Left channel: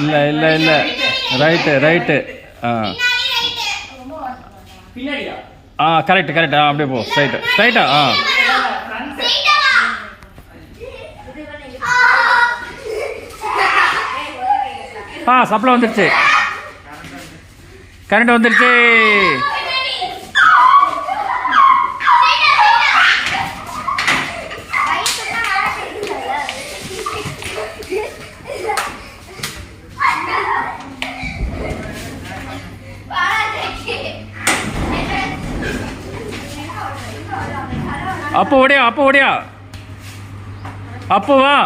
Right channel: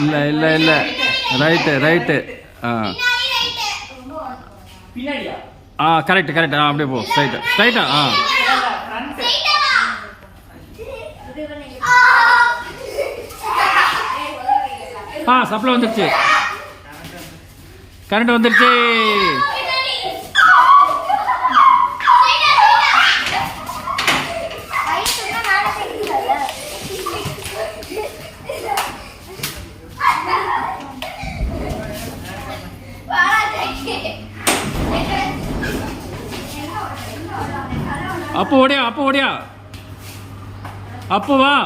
இல்லை இல்லை இல்லை ரைட்டு ரைட்டு கரெக்ட் கரெக்ட் அப்படியே போ ஸ்ட்ரைட்டு ஸ்ட்ரைட்டா சப்ளை வந்துருச்சு கரண்ட் வந்துருச்சு அப்போ ஓடியா அப்போ வா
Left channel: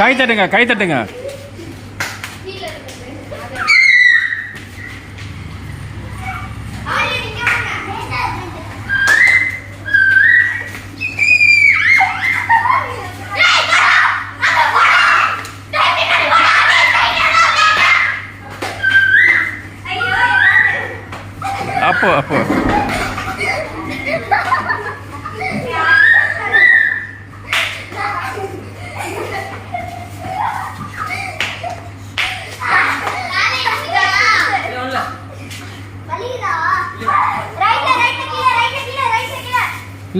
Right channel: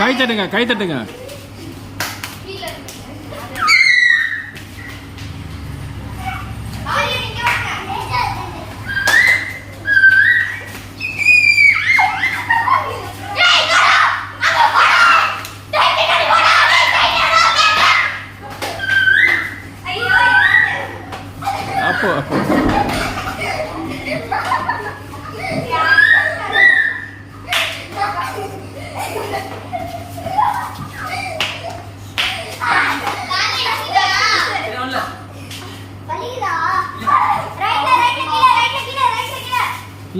கை தட்டுங்க அப்போ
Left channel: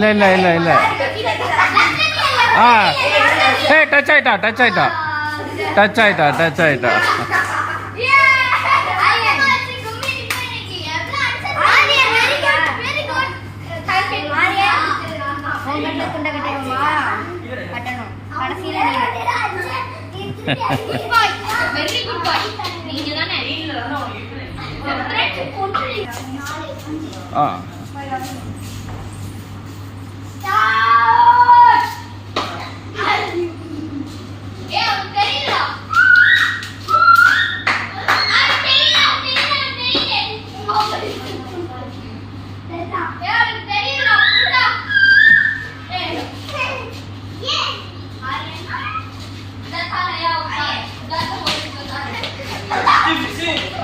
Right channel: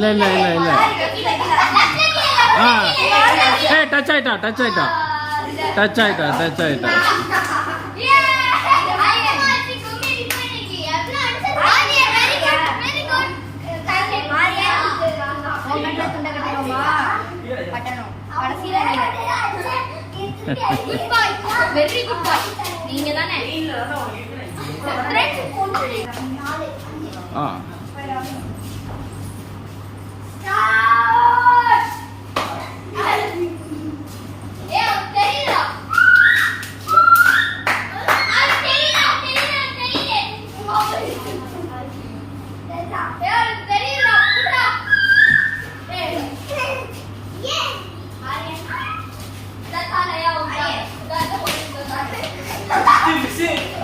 இல்ல டச் ஆயிட்டா வெரி குட் பாய் நீங்க தானே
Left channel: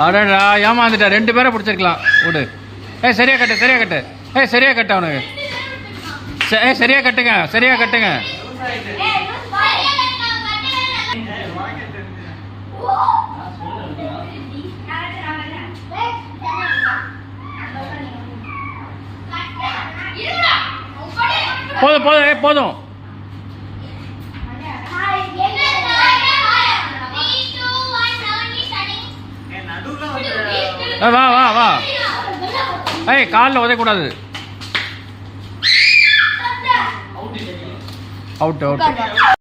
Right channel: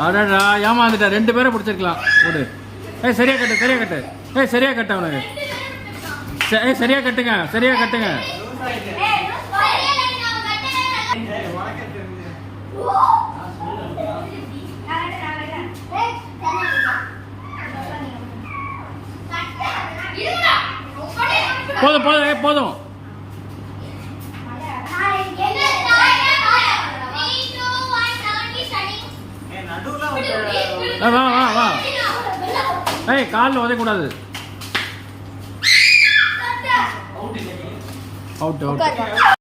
அடடா ஏமாந்துட்டா 2 பேரை பிடிச்சிருக்கலாம் விடு சரியா கட்டு சரியா கட்ட அவனுக்கு சரியா கட்டுங்க போதும் வா காலில் உதைக்கூடாது அவுட்